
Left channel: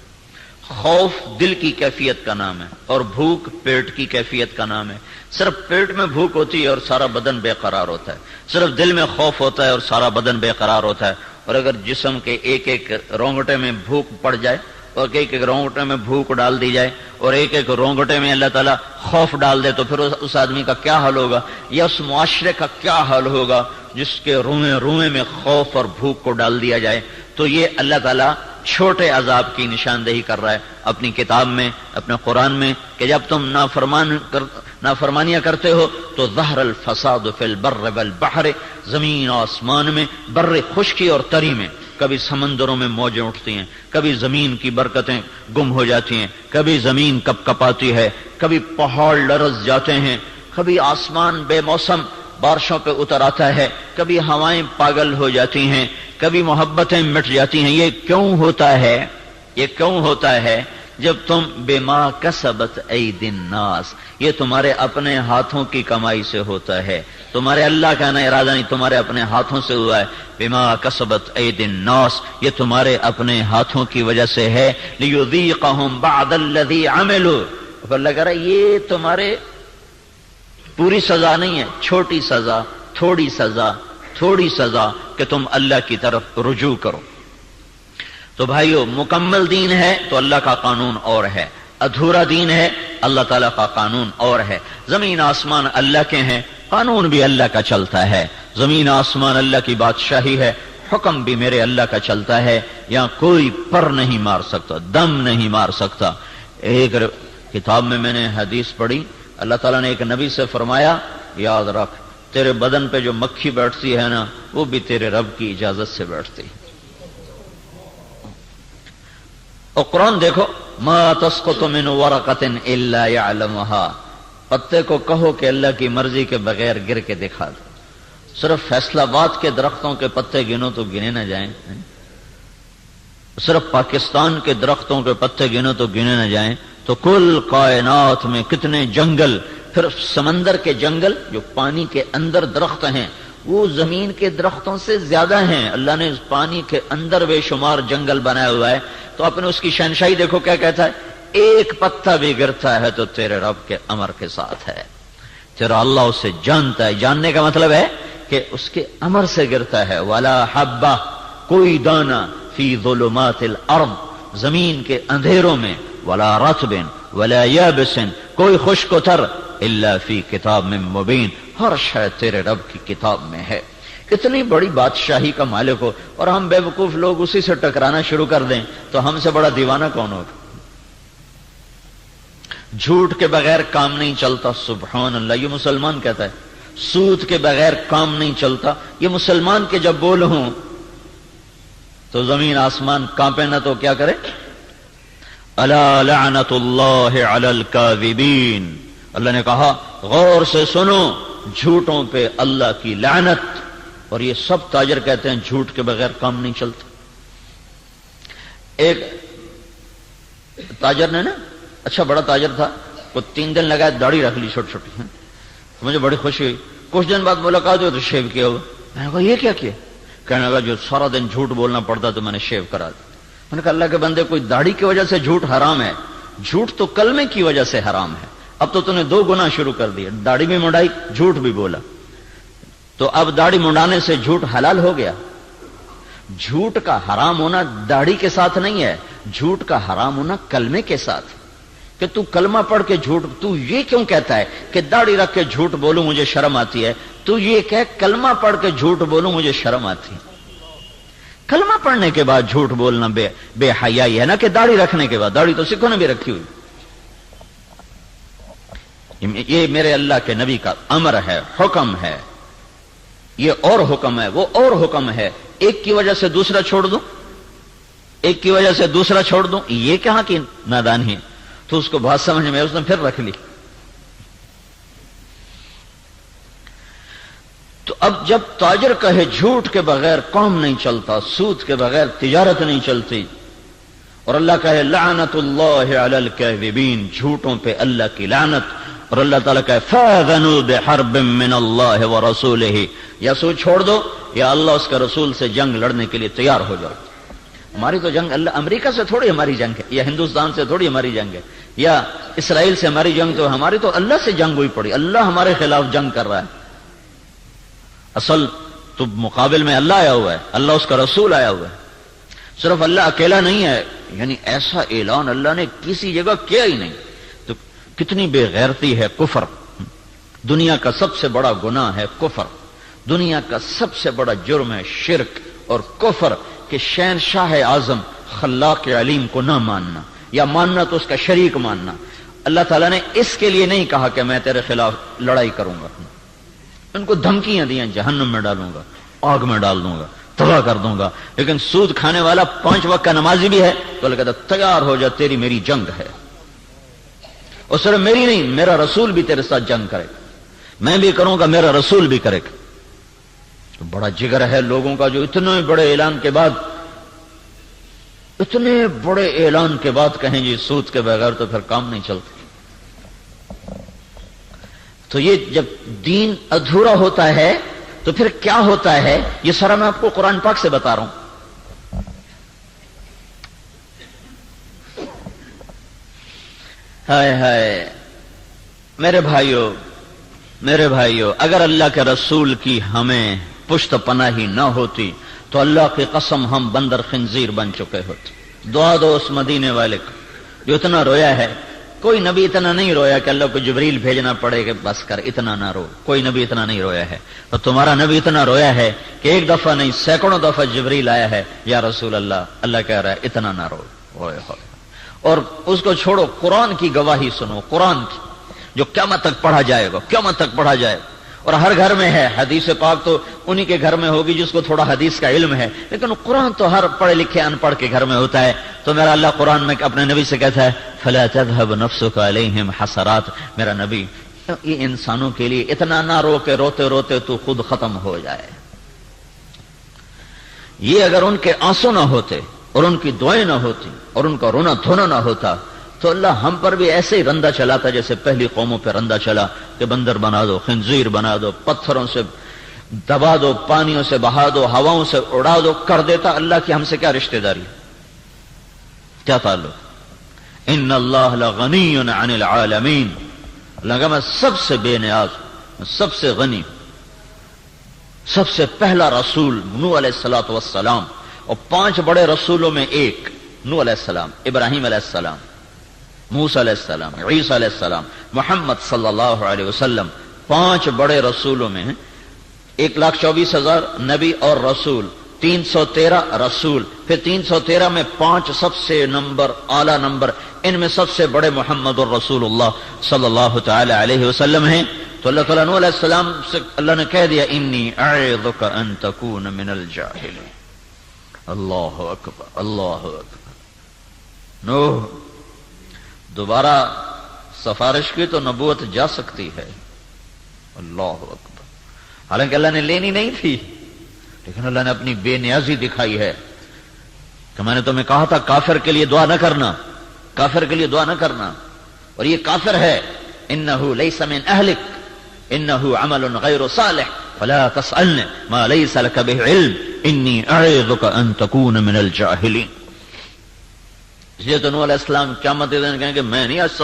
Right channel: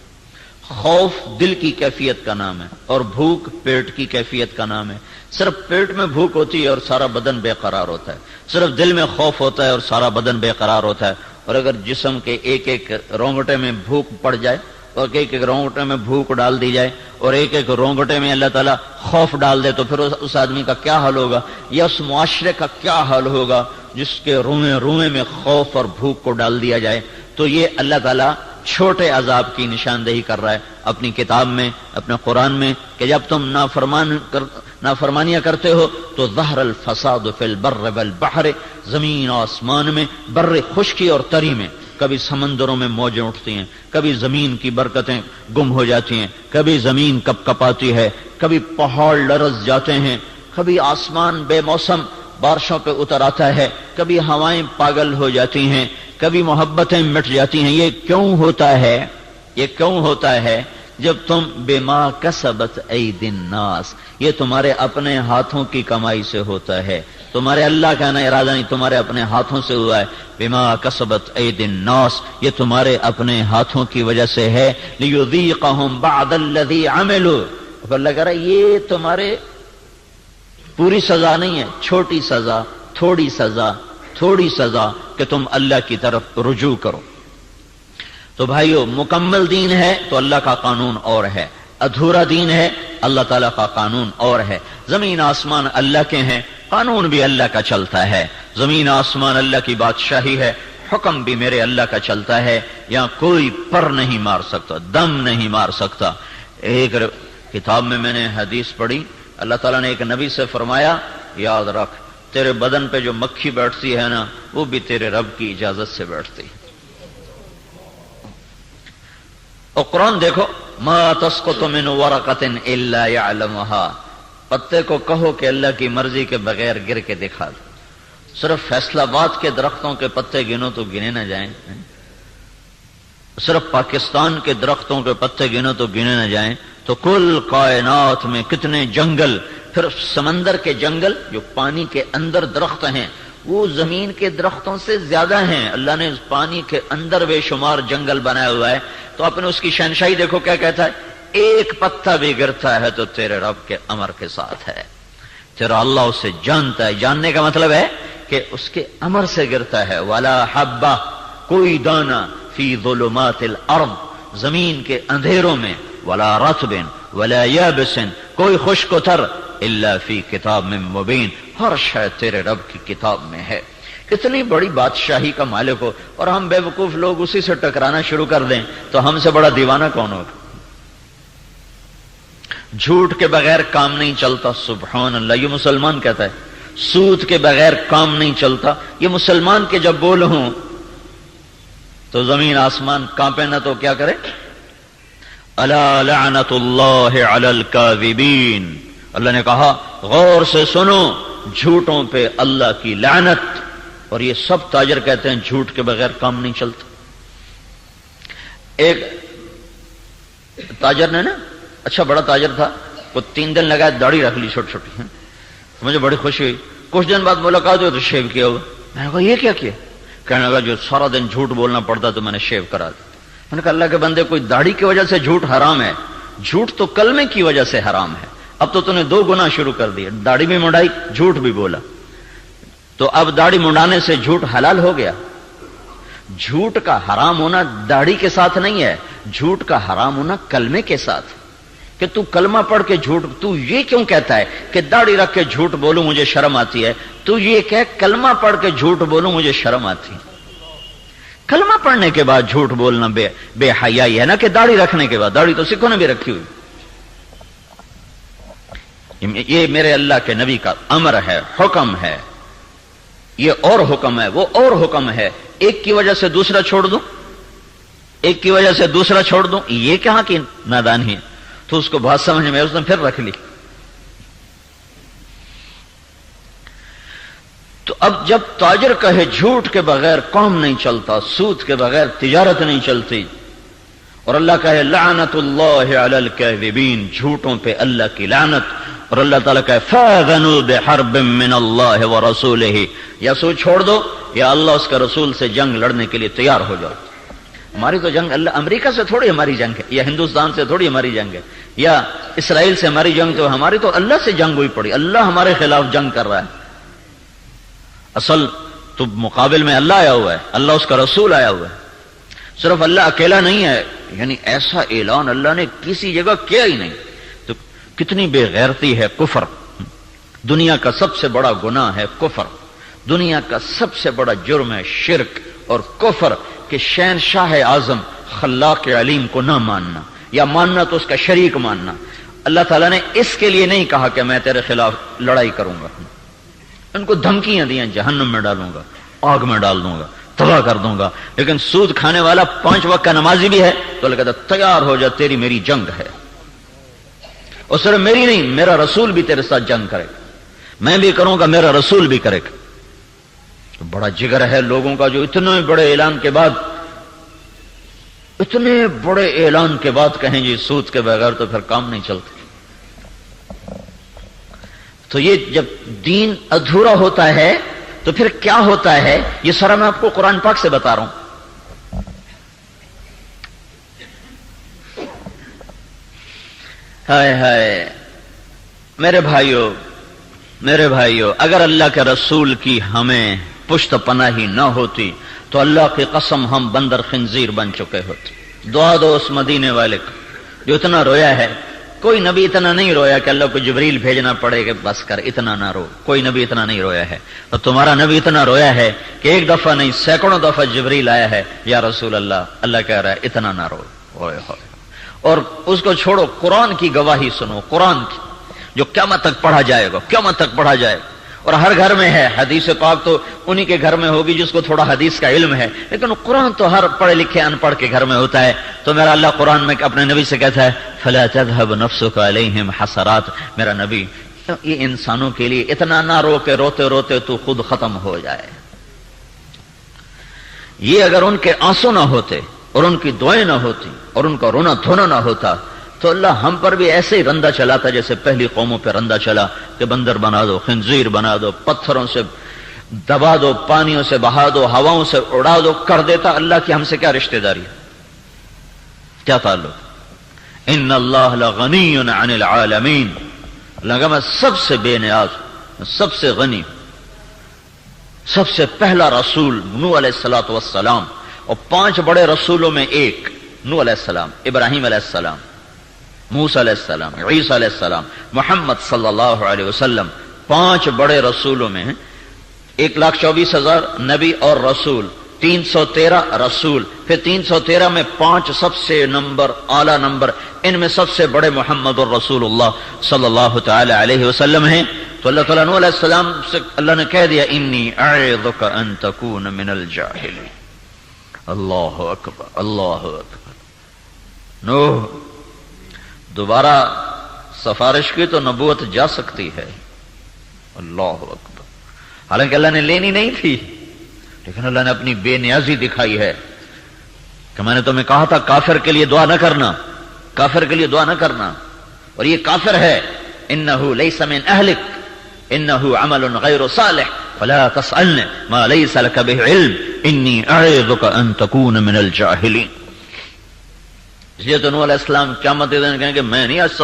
خوف دل کی کیفیت کا نام ہے اور بھوک پیٹ کی کیفیت کا نام ہے۔ صرف پیٹ میں بھوک ہوتی ہے اور سارا بدن بے قرار ہوتا ہے، صرف دل میں خوف ہوتا ہے اور سارا بدن بے قرار ہوتا ہے۔ اور اگر جسم کے ایک ایک رونگٹے میں بھوک پڑ جائے اور ایک ایک رونگٹے میں بھوک ڈال دی جائے اور ایک ایک رونگٹے میں اللہ تعالیٰ خوف ڈال دے تو پھر اس آدمی کا کیا حال ہوگا، یا اس معاشرے کا کیا حال ہوگا جس کے روئیں روئیں میں خوف اور بھوک کو ڈال دیا جائے۔ تو یہ اللہ تعالیٰ چھوٹے عذاب کی نشاندہی کر رہا ہے اپنی کتاب میں، اپنے قرآن میں، کہ جب تم نافرمانیاں کرتے ہو تو ظہر الفساد فی البر والبحر، زمین و آسمان میں، بر خشکی اور تری میں، کبھی سمندروں میں موجیں اٹھتی ہیں، کبھی زمین کی برکتیں گم ہو جاتی ہیں، کبھی زمین کپ کپاتی ہے، کبھی پہاڑ لرز جاتے ہیں، کبھی آسمان بے موسم بارشوں پہ اتر آتا ہے، کبھی ہوائیں پاگل ہو جاتی ہیں، کبھی محبتیں مٹ جاتی ہیں۔ یہ کیوں ہوتا ہے؟ یہ کیوں ہوتا ہے؟ جب تم بما کسبت ایدی الناس، یہ تمہارے اپنے ہاتھوں کی کمائی سے ہوتا ہے، تمہارے اللہ کا نہ ارادہ نہیں، تمہارے اپنے ہاتھوں سے ہوا ہے۔ بما کسبت ایدی الناس، یہ تمہارے اپنے ہاتھوں کی وجہ سے ہے۔ لیذیقہم بعد الذی عملوا، اللہ کہہ رہا ہے یہ تمہارے پوری سزا نہیں ہے، چھوٹی سزا، تھوڑی سزا، تھوڑی سزا کہ تم اللہ کی طرف رجوع کرو۔ تو بھائیو، مکمل دین ہے تو اللہ کا قانون اور ہے، ادھورا دین ہے اللہ تعالیٰ کا قانون اور ہے۔ زمین آسمان اللہ کے ہیں، قانون بھی اللہ کا چلتا ہے، زمین آسمان اللہ کی بادشاہی ہے، حکم بھی میرے اللہ کا چلتا ہے، یہاں کوئی پر نہیں مار سکتا، دم نہیں مار سکتا۔ ایک کتاب میں نے حدیث پڑھی، اللہ تعالیٰ نے ایک نبی سے فرمایا، یاد رکھ تیرے بدن پہ جو مکھی بیٹھتی ہے نا، وہ بھی تیرے رب کی اجازت سے بیٹھتی۔ اور قرآن دیکھو، ما تسقط من ورقۃ الا يعلمها، پتے کو کہو کہ اللہ کی مرضی کے بغیر گر کے دکھا دو۔ صرف فیصلہ آباد کے درختوں کے پتے گنو تو گنے نہ جائیں، صرف پاکستان کے درختوں کے پتے گنو تو گنے نہ جائیں، تو کل کائنات میں کتنے جنگل، پھر سمندر کے جنگل جو پانی کے اندر درخت ہیں وہ زمین کے درختوں سے زیادہ ہیں۔ اللہ نے پانی کے اندر بے شمار جنگل بنایا ہوا ہے، تو آپ نے اس کی شہنشاہی دیکھو کیا کہتا ہے، ایک پتا بھی گرتا ہے تو تیرے رب کے امر کے ساتھ ہے، تیرا اللہ اسے جانتا ہے۔ جاننے کا مطلب ہے کہ اس کے امر سے گرتا ہے۔ ولا حبہ، کوئی دانہ، فی ظلمات الارض، زمین کے اندھیروں میں، ولا رطب ولا یابس، کوئی خشک و تر، الا فی کتاب میں مبین، ہر شے تیرے رب کی کتاب میں ہے۔ اتنی بڑی بادشاہی کا مالک ہو اور ہم بے وقوف لوگ اسی سے ٹکرانا شروع کر دیں تو ہم سے بڑا دیوانہ کون ہوگا؟ جھوٹ کے بغیر کام نہیں چلتا، سبحان اللہ، یہ مسلمان کہتا ہے۔ سود کے بغیر کام نہیں چلتا، یہ مسلمان کے جب بول ہوں تو زمین آسمان کانپے نہ تو کیا کرے؟ الا لعنت اللہ علی الکاذبین، اللہ نے کہا غور سے سنو، جھوٹوں پہ اللہ کی لعنت۔ اور یہ سب تاجر کہتے ہیں جھوٹ کے بغیر کام نہیں چلتا۔ ایک تاجر نے نا، اچھا بڑا تاجر تھا، وہ 3 دن لگا داڑھی رکھ لی چھوٹی چھوٹی، مجھے بڑی خوشی ہوئی۔ کچھ دن بعد ملاقات ہوئی تو شیو کیا ہوا، میں نے کہا یہ کیا کیا؟ کہنے لگا جو سارا دن جھوٹ بولنا پڑتا تو میں نے شیو کرا دیا۔ میں نے کہا اللہ کے بندے، کوئی داڑھی کی وجہ سے جھوٹ حرام ہے؟ جھوٹ تو کلمے کی وجہ سے حرام ہے، اب تو نے 2 گناہ شروع کر دیے، داڑھی بھی منڈائی، جھوٹ بھی بولا، تو اب داڑھی منڈانے سے جھوٹ حلال ہو گیا۔ جھوٹ کا حرام ہونا داڑھی کے ساتھ نہیں ہے، جھوٹ کا حرام ہونا کلمے کے ساتھ، کہ تو کلمہ پڑھ کے جھوٹ، تو یہ کیوں کہتا ہے کہ داڑھی رکھ کے جھوٹ بولوں مجھے شرم آتی ہے؟ تو یہ کہ کلمہ پڑھ کے جھوٹ بولوں مجھے شرم آتی ہے۔ کلمہ پڑھنے کے بعد جھوٹ بولنا بے حیائی ہے نا، کہ داڑھی رکھنے کے بعد، داڑھی تو سکھوں نے بھی رکھی ہوئی۔ یہ میرے اللہ کے نبی کا امر ہے، حکم ہے، یہ اور حکم ہے، وہ اور حکم ہے۔ ایک کی وجہ سے دوسرا چھوڑ دوں، ایک کی وجہ سے دوسرا چھوڑ دوں، یہ کہاں کی نادانی ہے؟ تو اس کو بات سمجھ میں اس نے پھر رکھ لی۔ تو اب جب تاجر کہے جھوٹ کے بغیر کام نہیں چلتا، سود کے بغیر تجارت نہیں چلتی، اور اللہ کہے لعنت اللہ علی الکاذبین، جھوٹوں پہ اللہ کی لعنت، اور اللہ تعالیٰ کہے فاذنوا بحرب من اللہ ورسولہ، یا سود چھوڑ دو یا اللہ اس کا رسول سے جنگ لڑنے کے لیے تیار ہو جاؤ۔ ہماری تو جنگ اللہ، امریکہ سے تھوڑی ہماری جنگ ہے، یا ہندوستان سے تھوڑی ہماری جنگ ہے، یا اسرائیل سے ہماری جنگ، تو ہماری تو اللہ سے جنگ ہوئی پڑی، اللہ ہمارے خلاف جنگ کر رہا ہے۔ اصل تو مقابل میں اللہ آیا ہوا ہے، اللہ اس کا رسول آیا ہوا ہے۔ صرف اللہ اکیلا نہیں ہے، یعنی ایسا اعلان اللہ نے کسی جگہ کیا ہی نہیں. تو کتنی بے غیرتی ہے کفر. دنیا کا سب سے بڑا گناہ ہے کفر. دنیا کا سب سے بڑا جرم ہے شرک اور کفر کہ شہنشاہ اعظم خلاق علیم کو نہ ماننا, یا ماننا تو اس کا شریک ماننا. اللہ تعالیٰ نے اس کے لیے نہیں کہا کہ میں تیرے خلاف لڑائی کروں گا. ان کو دھمکیاں دیں جہنم میں ڈالوں گا, آگ میں ڈال دوں گا, تباہ کر دوں گا. لیکن سود کھانے والا 5 وقت کا نمازی بھی ہے تو اللہ کہتا تیار ہو جا, تیری میری جنگ ہے. اور صرف میری نہیں, میرا رسول بھی تیرے ساتھ جنگ کرے گا. میں بھی کروں گا, میرا رسول بھی کرے گا. تو بڑا جگر ہے لوگوں کا جو اتنے بڑے اعلان کے بعد کہیں جی سود کے بغیر تو پھر کام نہیں چلتا. تو یہ جب دین ادھورا ہوتا ہے تو پھر کیا ہوتا ہے, یہ سارا میں آپ کو قرآن پاک سے بتا رہا ہوں. ہائے ہائے میرے بھائیو, اگر اللہ کے رسول کی ہمیں پشت پناہی نہ ہوتی تو اللہ کی قسم ہم بندر خنزیر بن چکے ہوتے. دعا دو اس مدینے والے کو جو اتنا رویا ہے. کوئی نبی اتنا نہیں رویا کہ اللہ کو جبریل بھیجنا پڑے کہ بس کر, اتنا نہ رو. کوئی نبی اتنا نہیں رویا ہے. اور تمہارا نبی اتنا رویا ہے کہ ایک دفعہ نہیں سینکڑوں دفعہ جبریل آیا ہے, یا رسول اللہ کہہ رہا ہے اتنا نہ رو. اور اس کو چھوڑو, قرآن کی گواہی سنو, قرآن کی جو قیامت تک پڑھا جائے گا, اور ہر گھر میں ہے. حدیث پاک تو انہی کے گھر میں ہوگی جس کو تھوڑا حدیث کا علم ہے, لیکن قرآن تو ہر پڑھے لکھے ان پڑھ کے گھر میں ہوتا ہے. تو میرا اللہ قرآن میں اپنے نبی سے کہتا ہے فَلَا تَذْهَبْ نَفْسُكَ عَلَيْهِمْ حَسَرَاتٍ. میرا نبی یہ انسانوں کے لیے اتنا نہ رو کہ روتے روتے تو خود ختم ہو جائے. یہ اگر ان کے آنسو نہ ہوتے اور ان کی دعائیں نہ ہوتی اور ان کا رونا دھونا نہ ہوتا تو اللہ ہم پر بھی ایسے ہی رندہ چلاتا جیسے پہلی قوموں پہ رندہ چلا کہ بندر بنا دو, خنزیر بنا دو, پتھروں سے دبا دو, پانیوں سے بہا دو, ہواؤں سے اڑا دو, کر دیتا. اللہ کی ہم سے کیا رشتہ داری, کیا تعلق. ان اللہ لغنی عن العالمین. اللہ کہ میں سب سے بے نیاز, سب سے غنی. سب سے پہلا رسول نوح علیہ الصلوۃ والسلام, اور 5 بڑے رسولوں میں ایک نوح علیہ السلام, ابراہیم علیہ السلام, موسیٰ علیہ السلام, عیسیٰ علیہ السلام, محمد صلی اللہ علیہ وسلم. 5 بڑے رسولوں میں 1,24,000 نبی اور رسول, 313 رسول, پھر 313 میں 5 سب سے اعلی نمبر, ان میں سب سے بڑے محمد الرسول اللہ صلی اللہ تعالی علیہ وسلم ہیں. تو اللہ تعالیٰ نوح علیہ السلام سے اللہ نے کہہ دیا انی اعظک ان تکون من الجاہلین. اللہ اکبر, اللہ اکبر. نوح دوبارہ سفارش کی تو نبوت جا سکتی ہے. اللہ اکبر. حالانکہ اللہ نے لینی نہیں تھی, لیکن اللہ نے اپنی بے نیازی دکھائی ہے کہ میں نے تمہیں کہا تھا کافر کے لیے دعا نہ کرنا, کافر کے لیے دعا نہ کرنا, اور یہ کافر ہے. انہ لیس من اہلک انہ عمل غیر صالح فلا تسألنی ما لیس لک بہ علم انی اعظک ان تکون من الجاہلین. اس لیے تو نوح علیہ السلام قیامت کے دن کہیں کہ میں نہیں آج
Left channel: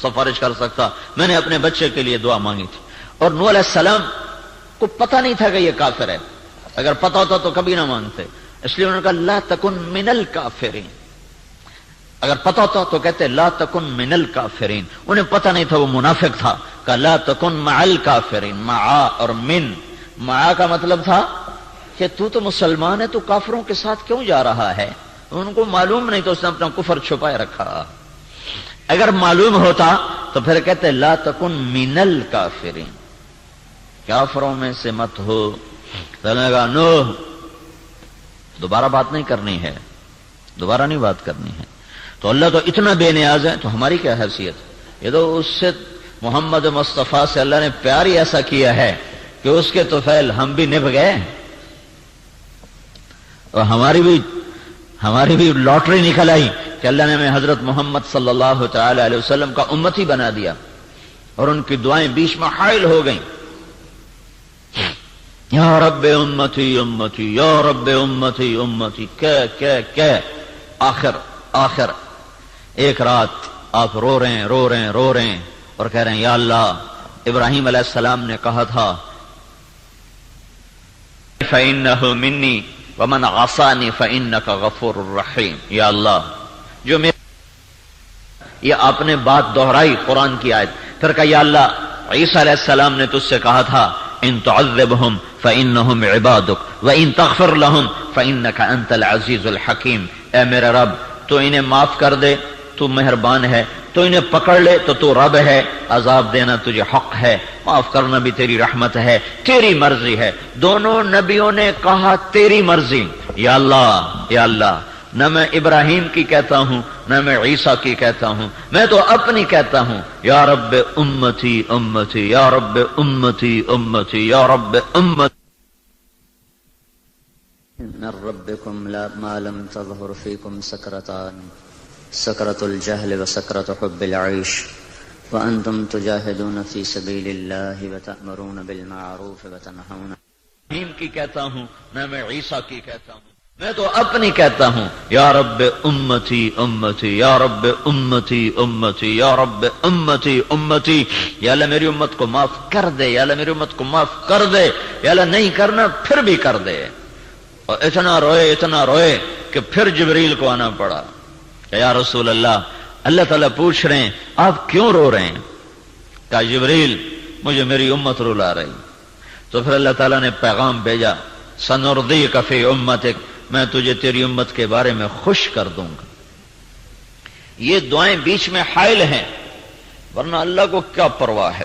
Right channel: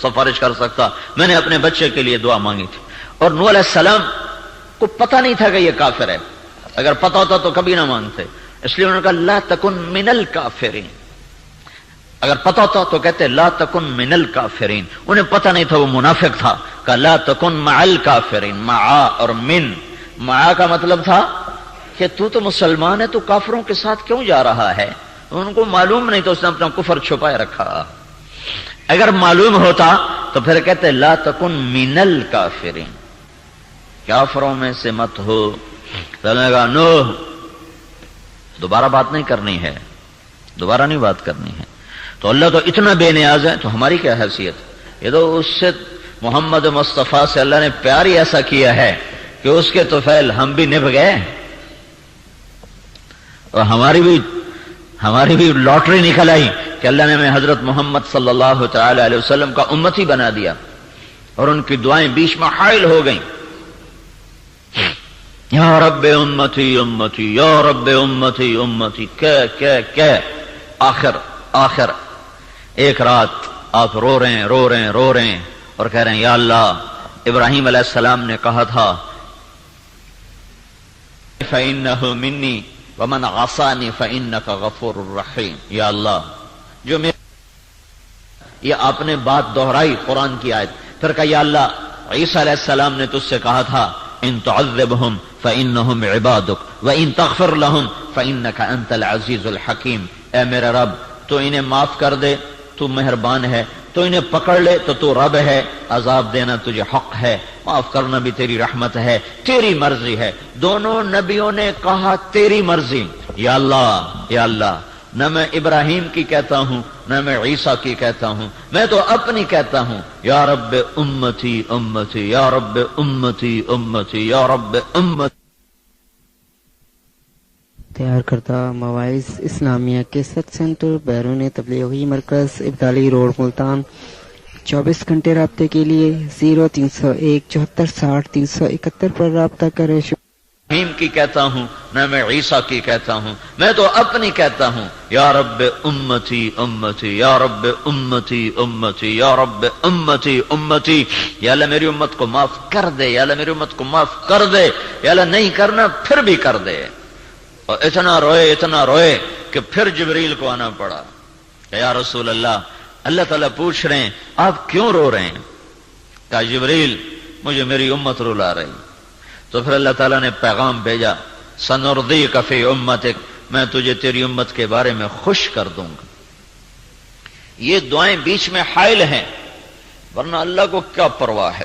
سفارش کر سکتا, میں نے اپنے بچے کے لیے دعا مانگی تھی. اور نوح علیہ السلام کو پتہ نہیں تھا کہ یہ کافر ہے. اگر پتہ ہوتا تو کبھی نہ مانگتے. اس لیے انہوں نے کہا لا تکن من الکافرین. اگر پتہ ہوتا تو کہتے لا تکن من الکافرین. انہیں پتہ نہیں تھا, وہ منافق تھا. کہا لا تکن مع الکافرین. مع اور من, مع کا مطلب تھا کہ تو مسلمان ہے, تو کافروں کے ساتھ کیوں جا رہا ہے. ان کو معلوم نہیں تو اس نے اپنا کفر چھپائے رکھا. اگر معلوم ہوتا تو پھر کہتے لا تکن من الکافرین, کافروں میں سے مت ہو. کہنے لگا نوح دوبارہ بات نہیں کرنی ہے, دوبارہ نہیں بات کرنی ہے. تو اللہ تو اتنا بے نیاز ہے, تو ہماری کیا حیثیت. یہ تو اس سے محمد مصطفیٰ سے اللہ نے پیار ہی ایسا کیا ہے کہ اس کے طفیل ہم بھی نبھ گئے, اور ہماری بھی لاٹری نکل آئی کہ اللہ نے ہمیں حضرت محمد صلی اللہ تعالی علیہ وسلم کا امتی بنا دیا, اور ان کی دعائیں بیچ میں حائل ہو گئیں. یا رب امتی امتی, یا رب امتی امتی, کہ آخر ایک رات آپ رو رہے ہیں اور کہہ رہے ہیں یا اللہ, ابراہیم علیہ السلام نے کہا تھا فَإِنَّهُ مِنِّي وَمَنْ عَصَانِي فَإِنَّكَ غَفُورٌ رَحِيمٌ. یا اللہ جو میرے یہ آپ نے بات دہرائی قرآن کی آیت، پھر کہا یا اللہ عیسیٰ علیہ السلام نے تجھ سے کہا تھا ان تعذبہم فإنہم عبادک وإن تغفر لہم فإنک انت العزیز الحکیم، اے میرے رب تو انہیں معاف کر دے، تو مہربان ہے، تو انہیں پکڑ لے تو رب ہے، عذاب دینا تجھے حق ہے، معاف کرنا بھی تیری رحمت ہے، تیری مرضی ہے۔ دونوں نبیوں نے کہا تیری مرضی، یا اللہ یا اللہ، نہ میں ابراہیم کی کہتا ہوں نہ میں عیسیٰ کی کہتا ہوں، میں تو اپنی کہتا ہوں، یا رب امتی امتی یا رب امتی امتی یا رب امتی۔ تیار کردہ مواعظ اسلامیہ کیسٹ سینٹر بیرون تبلیغی مرکز ابدالی روڈ ملتان، 24 گھنٹے رابطے کے لیے 0301 74 60 371 پر رابطہ کریں۔ ابراہیم کی کہتا ہوں نہ میں عیسیٰ کی کہتا ہوں، میں تو اپنی کہتا ہوں، یا رب امتی امتی یا رب امتی امتی یا رب امتی امتی۔ یا اللہ میری امت کو معاف کر دے، یا اللہ میری امت کو معاف کر دے، یا اللہ نہیں کرنا پھر بھی کر دے۔ اور اتنا روئے کہ پھر جبریل کو آنا پڑا، یا رسول اللہ تعالیٰ پوچھ رہے ہیں آپ کیوں رو رہے ہیں؟ کہا جبریل مجھے میری امت رلا رہی۔ تو پھر اللہ تعالیٰ نے پیغام بھیجا سنردیک فی امتک، میں تجھے تیری امت کے بارے میں خوش کر دوں گا۔ یہ دعائیں بیچ میں حائل ہیں، ورنہ اللہ کو کیا پرواہ ہے۔